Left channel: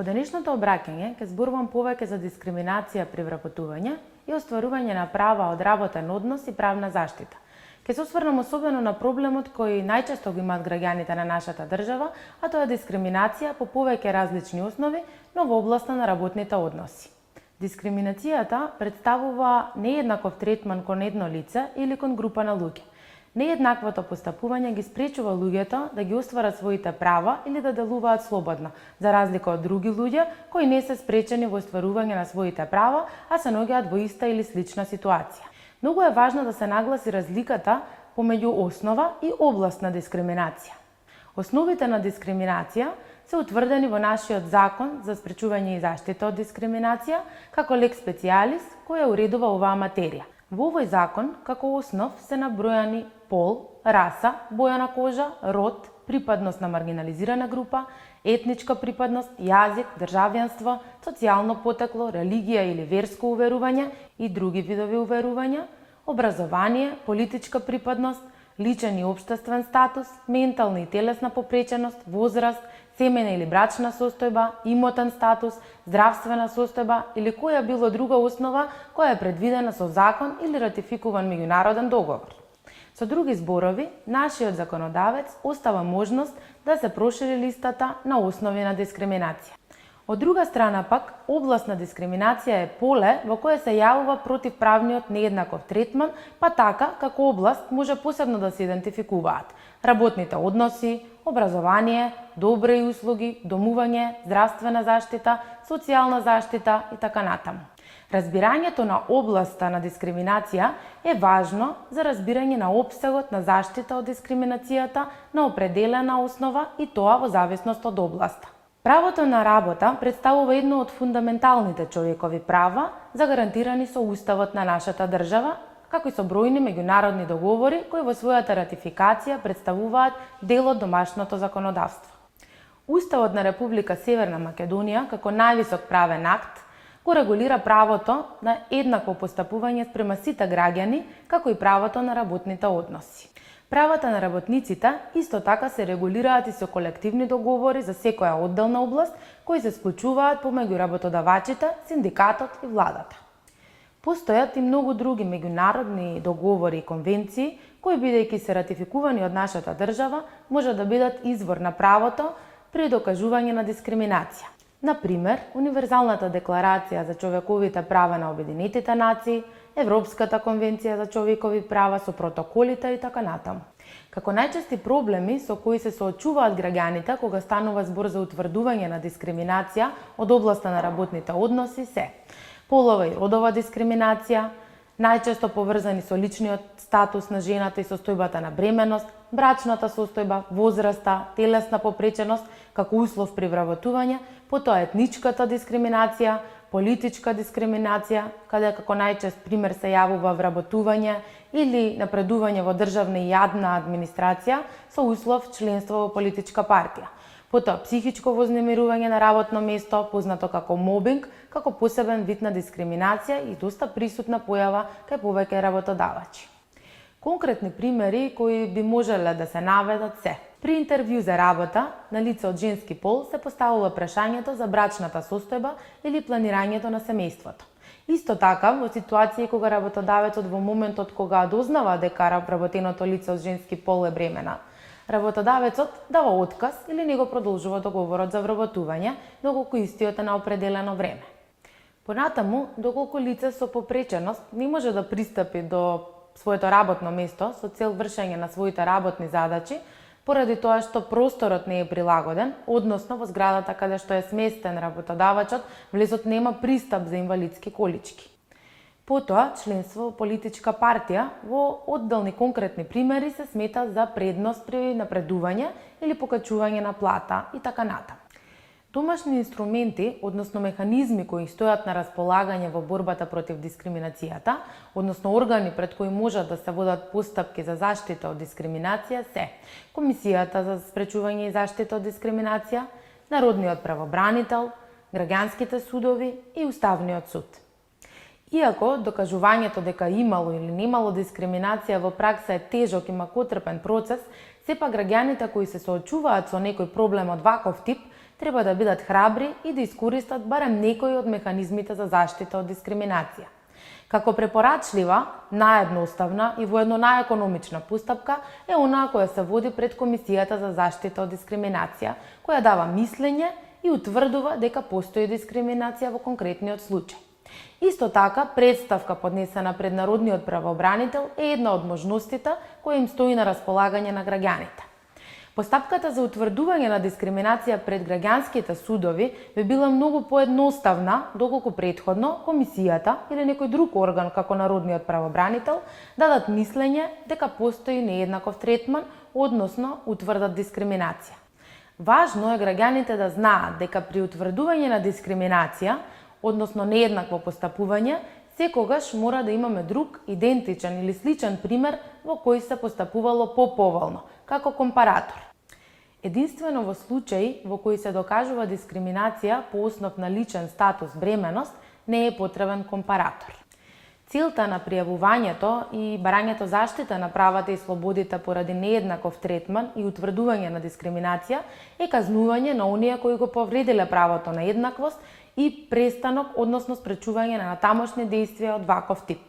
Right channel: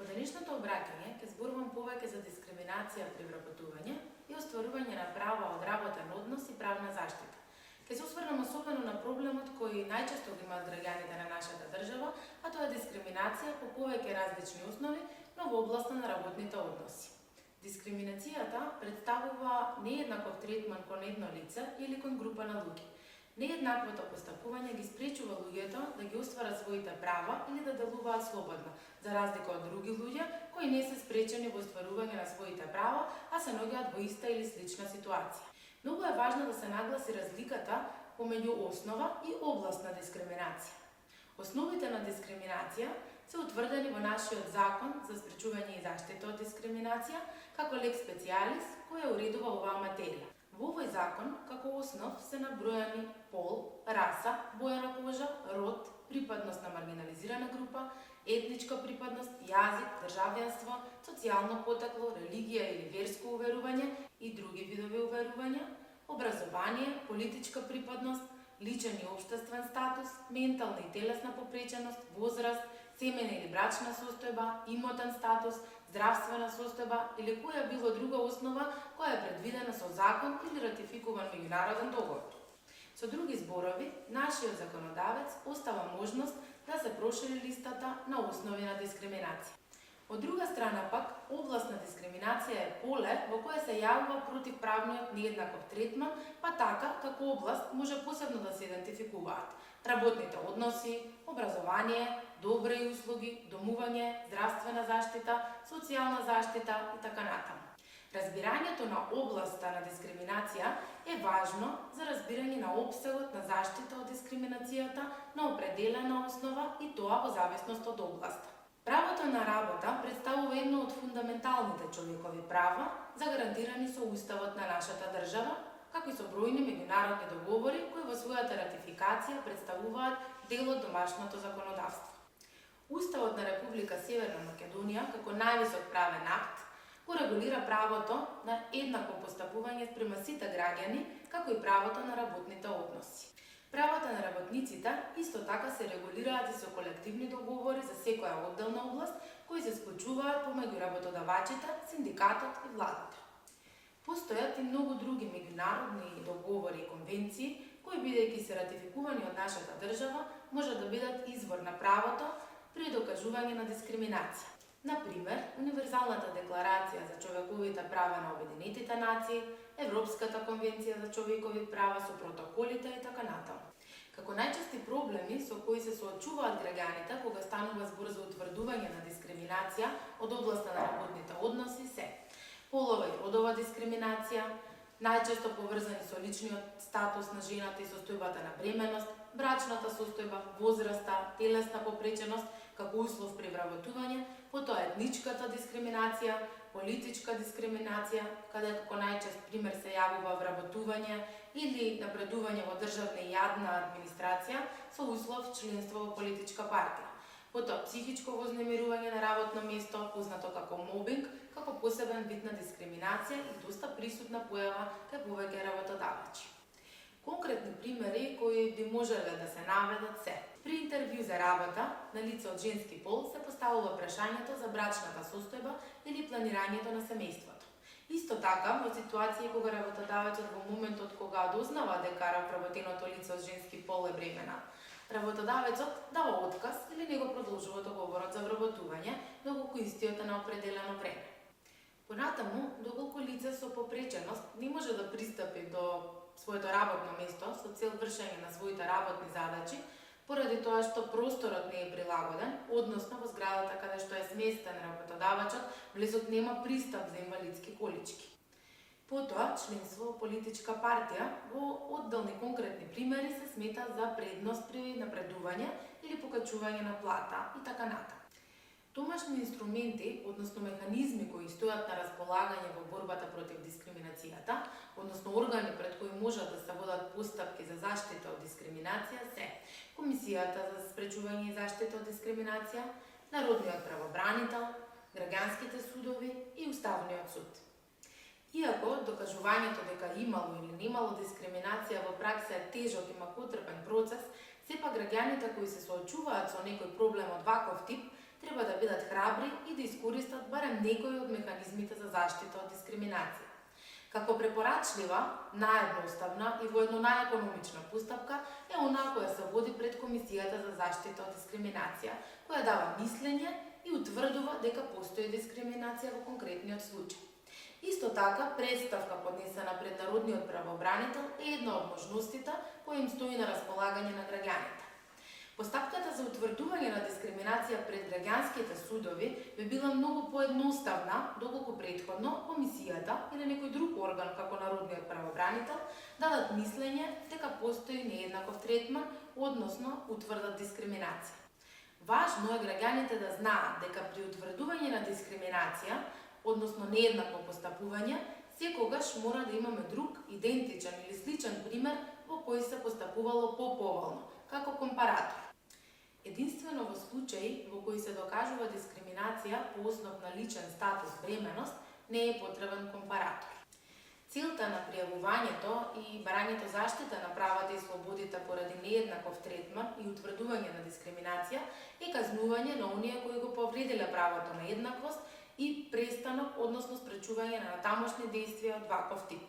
Во денешното обраќање ќе зборувам повеќе за дискриминација при вработување и остварување на права од работен однос и правна заштита. Ќе се осврнам особено на проблемот кој најчесто го имаат граѓаните на нашата држава, а тоа е дискриминација по повеќе различни основи, но во областа на работните односи. Дискриминацијата представува нееднаков третман кон едно лице или кон група на луѓе. Нееднаквото постапување ги спречува луѓето да ги остварат своите права или да делуваат слободно, за разлика од други луѓе кои не се спречени во остварување на своите права, а се наоѓаат во иста или слична ситуација. Многу е важно да се нагласи разликата помеѓу основа и област на дискриминација. Основите на дискриминација се утврдени во нашиот закон за спречување и заштита од дискриминација, како лекс специјалис која уредува оваа материја. Во овој закон, како основ, се набројани пол, раса, боја на кожа, род, припадност на маргинализирана група, етничка припадност, јазик, државјанство, социјално потекло, религија или верско уверување и други видови уверувања, образование, политичка припадност, личен и општествен статус, ментална и телесна попреченост, возраст, семејна или брачна состојба, имотен статус, здравствена состојба или која било друга основа која е предвидена со закон или ратификуван меѓународен договор. Со други зборови, нашиот законодавец остава можност да се прошири листата на основи на дискриминација. Од друга страна пак, област на дискриминација е поле во кое се јавува противправниот нееднаков третман, па така како област може посебно да се идентификуваат работните односи, образование, добри услуги, домување, здравствена заштита, социјална заштита и така натаму. Разбирањето на областа на дискриминација е важно за разбирање на опсегот на заштита од дискриминацијата на определена основа и тоа во зависност од областа. Правото на работа представува едно од фундаменталните човекови права загарантирани со Уставот на нашата држава, како и со бројни меѓународни договори кои во својата ратификација представуваат дел од домашното законодавство. Уставот на Република Северна Македонија, како највисок правен акт, го регулира правото на еднакво постапување спрема сите граѓани, како и правото на работните односи. Правата на работниците исто така се регулираат и со колективни договори за секоја одделна област, кои се склучуваат помеѓу работодавачите, синдикатот и владата. Постојат и многу други меѓународни договори и конвенции, кои бидејќи се ратификувани од нашата држава, може да бидат извор на правото при докажување на дискриминација. Например, Универзалната декларација за човековите права на Обединетите нации, Европската конвенција за човекови права со протоколите и така натаму. Како најчести проблеми со кои се соочуваат граѓаните кога станува збор за утврдување на дискриминација од областа на работните односи се полова и родова дискриминација, најчесто поврзани со личниот статус на жената и состојбата на бременост, брачната состојба, возраста, телесна попреченост како услов при вработување, потоа етничката дискриминација, политичка дискриминација, каде како најчест пример се јавува вработување или напредување во државна и јадна администрација со услов членство во политичка партија. Потоа психичко вознемирување на работно место, познато како мобинг, како посебен вид на дискриминација и доста присутна појава кај повеќе работодавачи. Конкретни примери кои би можеле да се наведат се: при интервју за работа на лице од женски пол се поставува прашањето за брачната состојба или планирањето на семејството. Исто така, во ситуации кога работодавецот во моментот кога дознава дека вработеното лице од женски пол е бремена, работодавецот дава отказ или не го продолжува договорот за вработување доколку истиот е на определено време. Понатаму, доколку лице со попреченост не може да пристапи до своето работно место со цел вршење на своите работни задачи, поради тоа што просторот не е прилагоден, односно во зградата каде што е сместен работодавачот, влезот нема пристап за инвалидски колички. Потоа, членство во политичка партија во одделни конкретни примери се смета за предност при напредување или покачување на плата и така натаму. Домашни инструменти, односно механизми кои стојат на располагање во борбата против дискриминацијата, односно органи пред кои можат да се водат постапки за заштита од дискриминација се Комисијата за спречување и заштита од дискриминација, Народниот правобранител, граѓанските судови и Уставниот суд. Иако докажувањето дека имало или немало дискриминација во пракса е тежок и макотрпен процес, сепак граѓаните кои се соочуваат со некој проблем од ваков тип треба да бидат храбри и да искористат барем некои од механизмите за заштита од дискриминација. Како препорачлива, наедноставна и воедно најекономична постапка е онаа која се води пред Комисијата за заштита од дискриминација, која дава мислење и утврдува дека постои дискриминација во конкретниот случај. Исто така, представка поднесена пред Народниот правобранител е една од можностите која им стои на располагање на граѓаните. Постапката за утврдување на дискриминација пред граѓанските судови би била многу поедноставна, доколку претходно Комисијата или некој друг орган како Народниот правобранител дадат мислење дека постои нееднаков третман, односно утврдат дискриминација. Важно е граѓаните да знаат дека при утврдување на дискриминација, односно нееднакво постапување, секогаш мора да имаме друг, идентичен или сличен пример во кој се постапувало поповолно, како компаратор. Единствено во случаи во кои се докажува дискриминација по основ на личен статус бременост, не е потребен компаратор. Целта на пријавувањето и барањето заштита на правата и слободите поради нееднаков третман и утврдување на дискриминација е казнување на оние кои го повредиле правото на еднаквост и престанок, односно спречување на тамошни действија од ваков тип.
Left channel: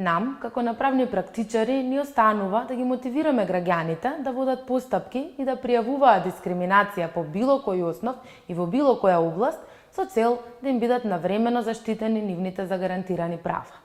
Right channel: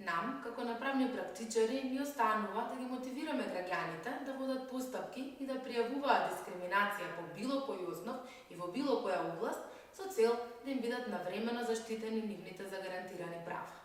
Нам, како направни практичари, ни останува да ги мотивираме граѓаните да водат постапки и да пријавуваат дискриминација по било кој основ и во било која област, со цел да им бидат навремено заштитени нивните загарантирани права.